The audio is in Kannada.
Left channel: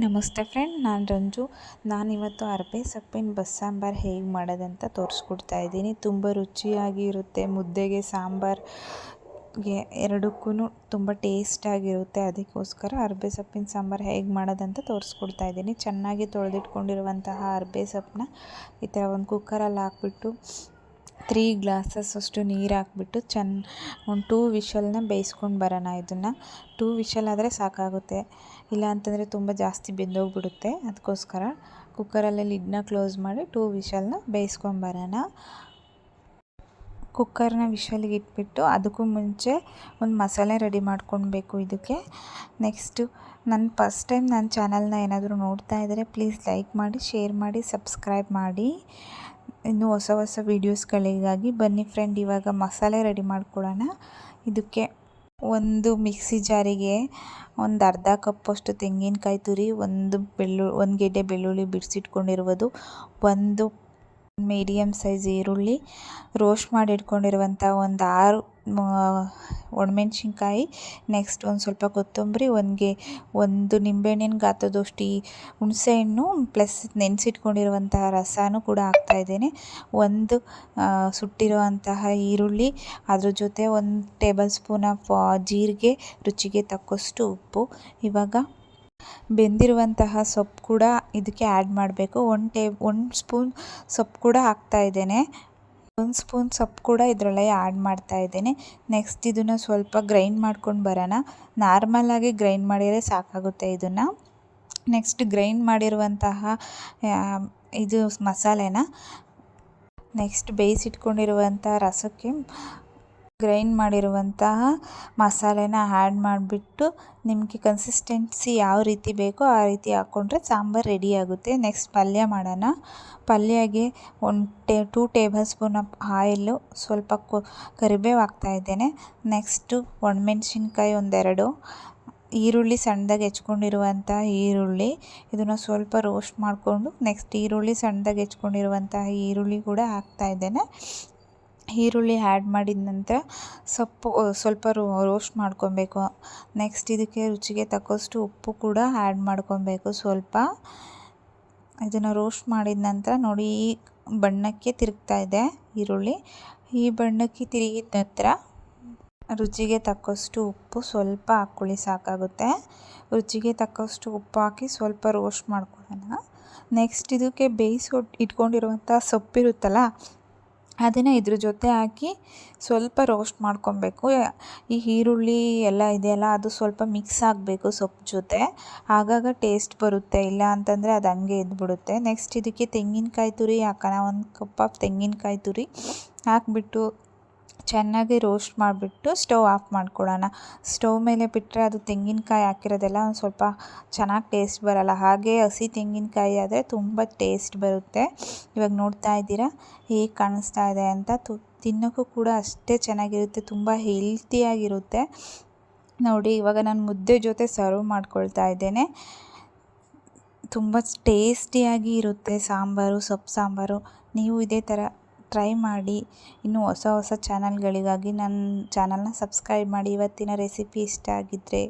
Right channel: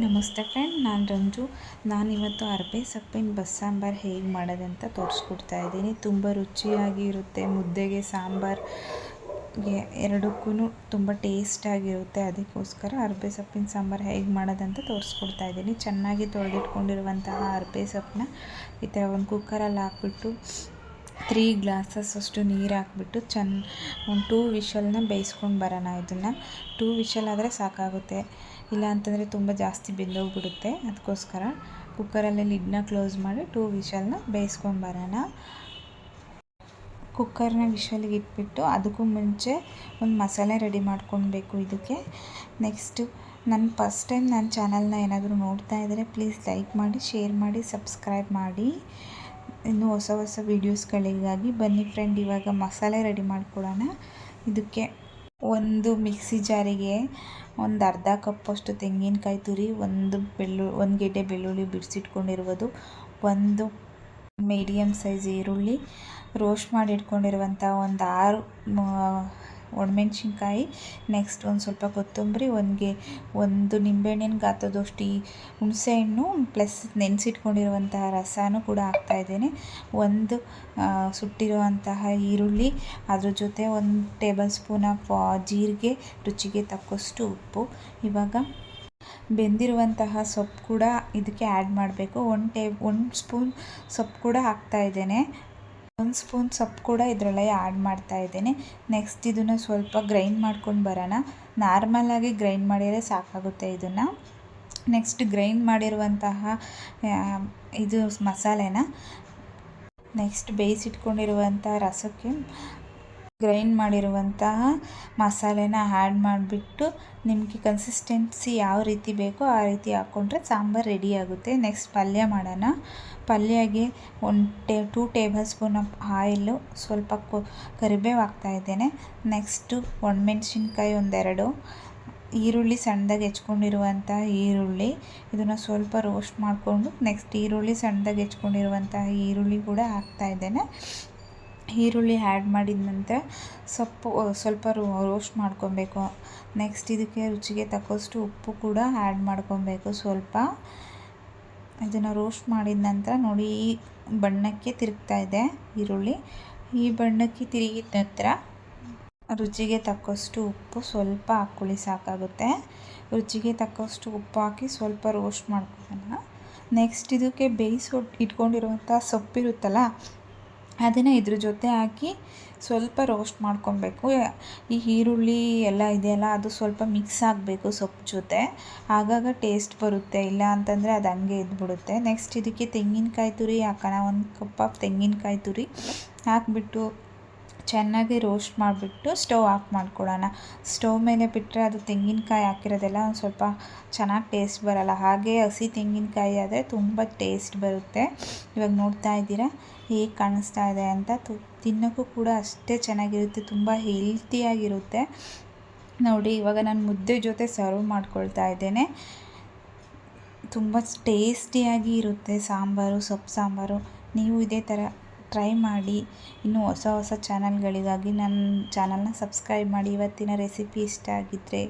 ನಮಸ್ತೆ ಫ್ರೆಂಡ್ ನಾನು ರಂಜು. ನಾನಿವತ್ತು ಅರಬೆ ಸೊಪ್ಪಿನ ಬಸ್ಸಾಂಬಾರು ಹೇಗೆ ಮಾಡೋದಂತ ತೋರಿಸ್ಕೊಡ್ತಾ ಇದ್ದೀನಿ. ತುಂಬ ರುಚಿಯಾಗಿ ಇರುತ್ತೆ. ಮುದ್ದೆಗೆ ಸಾಂಬಾರ್ಗೆ ಎರಡಕ್ಕೂ ತುಂಬ ಟೇಸ್ಟಾಗಿರುತ್ತೆ ಅದಕ್ಕೋಸ್ಕರ ಅರಬೆ ಸೊಪ್ಪಿನ ಸಾಂಬಾರು ಹೇಗೆ ಮಾಡೋದಂತ ತೋರಿಸ್ಕೊಡ್ತಾ ಇದ್ದೀನಿ. ಚೆನ್ನಾಗಿ ತೊಳೆದಿಟ್ಕೊಂಡಿರುವಂತಹ ಅರಬೆ ಸೊಪ್ಪನ್ನ ಈ ಥರ ಒಂದು ಕುಕ್ಕರಲ್ಲಿ ಹಾಕ್ಬಿಟ್ಟು ತ್ರೀ ಗ್ಲಾಸಸ್ ಅಷ್ಟು ನೀರು ಹಾಕ್ಬಿಟ್ಟು ಚೆನ್ನ ಒಂದು ಟೂ ವಿಷಲ್ನ ಬೇಯಿಸ್ಕೊಂಡು ಬರೋಣ ಇದನ್ನು. ಟೂ ವಿಷಲ್ ಆದರೆ ಸಾಕಾಗುತ್ತೆ. ಇಲ್ಲ ಅಂತಂದರೆ ತುಂಬ ಜಾಸ್ತಿ ಬೆಂದೋಗ್ಬಿಡುತ್ತೆ. ಅದಕ್ಕೋಸ್ಕರ ಕುಕ್ಕರಲ್ಲಿ ಲಿಡ್ನ ಕ್ಲೋಸ್ ಮಾಡಿ ಟೂ ವಿಷಲ್ನ ಬೇಯಿಸ್ಕೊಂಬರೋಣ ಕುಕ್ಕರ್ನ ವಿಷಲಿಗೆ ಇಟ್ಬಿಟ್ಟು ಅದಕ್ಕೂ ಮುಂಚೆ ಒಂದು ಮಸಾಲೆ ರೆಡಿ ಮಾಡ್ಕೊಳ್ಬೇಕು ಇದಕ್ಕೆ. ನೆಕ್ಸ್ಟು ನನ್ನ ಫಸ್ಟ್ ಟೈಮ್ ನನ್ನ ಚಾನಲ್ನ ಏನಾದರೂ ನೋಡ್ತಾ ಇದ್ದರೆ ಪ್ಲೀಸ್ ಲೈಕ್ ಮಾಡಿ ಶೇರ್ ಮಾಡಿ ಸಬ್ಸ್ಕ್ರೈಬ್ ಮಾಡಿ. ಇನ್ನೂ ಹೊಸ ಹೊಸ ವೀಡಿಯೋಸ್ಗಳಿಗಾಗಿ ಬನ್ನಿ ಫ್ರೆಂಡ್ ಇವಾಗ ಮಸಾಲೆ ರೆಡಿ ಮಾಡ್ಕೊಳ್ಳೋಣ ಇದಕ್ಕೆ ಒಂದು ಮಿಕ್ಸಿ ಜಾರಿಗೆ ಒಂದು ಅರ್ಧ ಕಪ್ಪಷ್ಟು ತೆಂಗಿನಕಾಯಿ ತುರಿ, ಒಂದು ಬೆಳ್ಳು, ಒಂದು ಗೆಡ್ಡೆ ಬೆಳ್ಳುಳ್ಳಿ ಬಿಡಿಸಿಟ್ಕೊಂಡಿರುವುದು ಒಂದು ಮೀಡಿಯಮ್ ಸೈಜ್ ಈರುಳ್ಳಿ ರೋಸ್ಟ್ ಮಾಡಿ ಇಟ್ಕೊಂಡಿರುವಂಥ ಒಂದು ಆರು ಒಣಮೆಣ್ಸಿನ್ಕಾಯಿ ನೆಕ್ಸ್ಟ್ ಒಂದು ಸ್ವಲ್ಪ ಕೊತ್ತಂಬರಿ, ಒಂದ್ಗೆ ಒಂದು ನಿಂಬೆಹಣ್ಣಿನ ಗಾತ್ರದಷ್ಟು ಈ ಹುಣಸೆಹಣ್ಣು ಪ್ಲಸ್ ನೆನೆಸಿಟ್ಕೊಂಡಿರುವಂತಹ ರಸನೂ ಕೂಡ ಹಾಕ್ತಾಯಿದ್ದೇನೆ ಒಂದು ಸುಟ್ಟಿರುವಂತಹ ಈರುಳ್ಳಿ, ಅದ್ರ ಜೊತೆ ಒಂದು ಟೇಬಲ್ ಸ್ಪೂನ್ ಆಫ್ ಜೀರಿಗೆ, ರುಚಿಗೆ ತಕ್ಕಷ್ಟು ಉಪ್ಪು. ಇವಾಗ ಬೆಂದಿರುವಂತಹ ಸೊಪ್ಪು ಕೂಡ ಇದಕ್ಕೆ ಆ್ಯಡ್ ಮಾಡಬೇಕು. ಒನ್ ಟೇ ಒನ್ ಸ್ಪೂನ್ ಸೊಪ್ಪು ಕೂಡ ಹಾಕ್ತಾ ಇದ್ದೇನೆ. ಒಂದು ಸ್ಪೂನ್ ಸೊಪ್ಪು ಕೂಡ ಇದರಲ್ಲೇ ಆ್ಯಡ್ ಮಾಡ್ತಾ ಇದ್ದೇನೆ. ನೆಕ್ಸ್ಟ್ ಇದನ್ನು ಸ್ವಲ್ಪ ಗ್ರೈಂಡ್ ಮಾಡ್ಕೊಂಡು ಬರೋಣ. ನಾರ್ಮಲಾಗಿ ಗ್ರೈಂಡ್ ಮಾಡಿದರೆ ಸಾಕಾಗುತ್ತೆ ಇದನ್ನು. ನೆಕ್ಸ್ಟ್ ಗ್ರೈಂಡ್ ಮಾಡಿರುವಂತಹ ಇದು ಮಸಾಲೆನ ನೆಕ್ಸ್ಟ್ ಬೇಯಿಸಿಟ್ಕೊಂಡಿರುವಂಥ ರಸಕ್ಕೆ ಗ್ರೈಂಡ್ ಮಾಡಿರುವಂತಹ ಮಸಾಲೆನ ಆ್ಯಡ್ ಮಾಡಿಬಿಟ್ಟು ನಿಮಗೆ ಕನ್ಸಿಸ್ಟೆನ್ಸಿ ಯಾವ ರೀತಿ ಬೇಕೋ ಆ ರೀತಿ ಹಾಕ್ಕೊಂಡ್ರೆ ಸಾಂಬಾರು ರೆಡಿ ಆಗುತ್ತೆ. ನೆಕ್ಸ್ಟ್ ಪಲ್ಯ ಮಾಡೋಣ. ಪಲ್ಯಗೆ ಒನ್ ಟೇ, two tablespoon of oil ಸ್ವಲ್ಪ ಕೊ, ಕರಿಬೇವು ಹಾಕ್ತಾಯಿದ್ದೇನೆ ನೆಕ್ಸ್ಟು ಒಣಮೆಣ್ಸಿನ್ಕಾಯಿ ಒಂದೆರಡು, ಈರುಳ್ಳಿ ಸಣ್ಣದಾಗಿ ಹೆಚ್ಕೊಂಡಿರುವಂಥ ಈರುಳ್ಳಿ. ಇದನ್ನು ಸ್ವಲ್ಪ ರೋಸ್ಟ್ ಮಾಡಿಕೊಂಡು ನೆಕ್ಸ್ಟ್ ಈರುಳ್ಳಿ ಸಣ್ಣದಾಗಿ ಹೆಚ್ಕೊಂಡಿರುವಂತಹ ಈರುಳ್ಳಿ ಕೂಡ ಹಾಕ್ತಾಯಿದ್ದೇನೆ ಈರುಳ್ಳಿ ಆ್ಯಡ್ ಮಾಡಿದ ನಂತರ ಸೊಪ್ಪು ಸ್ವಲ್ಪ ರೋಸ್ಟ್ ಮಾಡ್ಕೊಬೇಕು. ನೆಕ್ಸ್ಟ್ ಇದಕ್ಕೆ ರುಚಿಗೆ ತಕ್ಕಷ್ಟು ಉಪ್ಪು ಕೂಡ ಆ್ಯಡ್ ಮಾಡ್ಕೊಬೇಕು ಸ್ವಲ್ಪ. ಇದನ್ನು ರೋಸ್ಟ್ ಮಾಡಿದ ನಂತರ ನೋಡಿ ಈ ಬಣ್ಣಕ್ಕೆ ತಿರುಗ್ತಾ ಇದೆ ಈರುಳ್ಳಿ. ಈ ಬಣ್ಣಕ್ಕೆ ತಿರುಗಿದ ನಂತರ ರುಚಿಗೆ ತಕ್ಕಷ್ಟು ಉಪ್ಪು ಸ್ವಲ್ಪ ಹಾಕ್ಕೊಳ್ಳಿ, ಸಾಕಾಗುತ್ತೆ. ರುಚಿಗೆ ತಕ್ಕಷ್ಟು ಉಪ್ಪು ಹಾಕಿ ಸ್ವಲ್ಪ ರೋಸ್ಟ್ ಮಾಡ್ಕೊಳ್ಳೋಣ. ನೆಕ್ಸ್ಟ್ ಇದಕ್ಕೆ ಬೇಯಿಸಿ, ಇಟ್ಕೊಂಡಿರುವಂಥ ಸೊಪ್ಪಿರುತ್ತಲ್ಲ ಅದನ್ನು ಇದ್ರ ಜೊತೆ ಹಾಕಿ ಸ್ವಲ್ಪ ರೋಸ್ಟ್ ಮಾಡ್ಕೊಬೇಕು. ಈ ಈರುಳ್ಳಿ ಎಲ್ಲ ಇದೆಯಲ್ಲ, ಅದು ಸ್ವಲ್ಪ ಮಿಕ್ಸ್ ಆಗಬೇಕು ಸೊಪ್ಪು ಜೊತೆ. ಆಗಾಗ ಟೇಸ್ಟ್ ಬರುತ್ತೆ. ಇಲ್ಲ ಅಂತಂದರೆ ಅದು ಹಂಗೆ ಇದ್ಬಿಡುತ್ತೆ. ನೆಕ್ಸ್ಟ್ ಇದಕ್ಕೆ ತೆಂಗಿನಕಾಯಿ ತುರಿ ಹಾಕೋಣ. ಒಂದು ಕಪ್ ಆಫ್ ತೆಂಗಿನಕಾಯಿ ತುರಿ ಹಾಕ್ಬಿಟ್ಟು ಚೆನ್ನಾಗಿ ರೋಸ್ಟ್ ಮಾಡಿಬಿಟ್ಟು ಸ್ಟವ್ ಆಫ್ ಮಾಡ್ಕೊಳ್ಳೋಣ ಸ್ಟವ್ ಮೇಲೆ ಬಿಟ್ಟರೆ ಅದು ತೆಂಗಿನಕಾಯಿ ಹಾಕಿರೋದೆಲ್ಲ ಒಂದು ಸ್ವಲ್ಪ ಚೆನ್ನಾಗಿ ಟೇಸ್ಟ್ ಬರೋಲ್ಲ. ಹಾಗೆ ಹಸಿ ತೆಂಗಿನಕಾಯಿ ಆದರೆ ತುಂಬ ಟೇಸ್ಟ್ ಬರುತ್ತೆ. ಇವಾಗ ನೋಡ್ತಾ ಇದ್ದೀರಾ? ಹೇಗೆ ಕಾಣಿಸ್ತಾ ಇದೆ ಅಂತ ತು ತಿನ್ನೋಕ್ಕೂ ಕೂಡ ಅಷ್ಟೇ ಚೆನ್ನಾಗಿರುತ್ತೆ, ತುಂಬ ಹೆಲ್ತಿಯಾಗಿರುತ್ತೆ ನೋಡಿ, ಇವಾಗ ನಾನು ಮುದ್ದೆ ಜೊತೆ ಸರ್ವ್ ಮಾಡ್ಕೊಳ್ತಾ ಇದ್ದೇನೆ. ತುಂಬ ಟೇಸ್ಟಿಯಾಗಿ ಇರುತ್ತೆ ಸಾಂಬಾರು, ಸೊಪ್ಪು ಸಾಂಬಾರು. ನೀವು ಇದೇ ಥರ ಟ್ರೈ ಮಾಡಿ, ಇನ್ನೂ ಹೊಸ ಹೊಸ ಚಾನಲ್ಗಳಿಗಾಗಿ ನನ್ನ ಚಾನಲ್ನ ಸಬ್ಸ್ಕ್ರೈಬ್ ಮಾಡಿ. ಇವತ್ತಿನ ರೆಸಿಪಿ ಇಷ್ಟ ಆಗಿದ್ದರೆ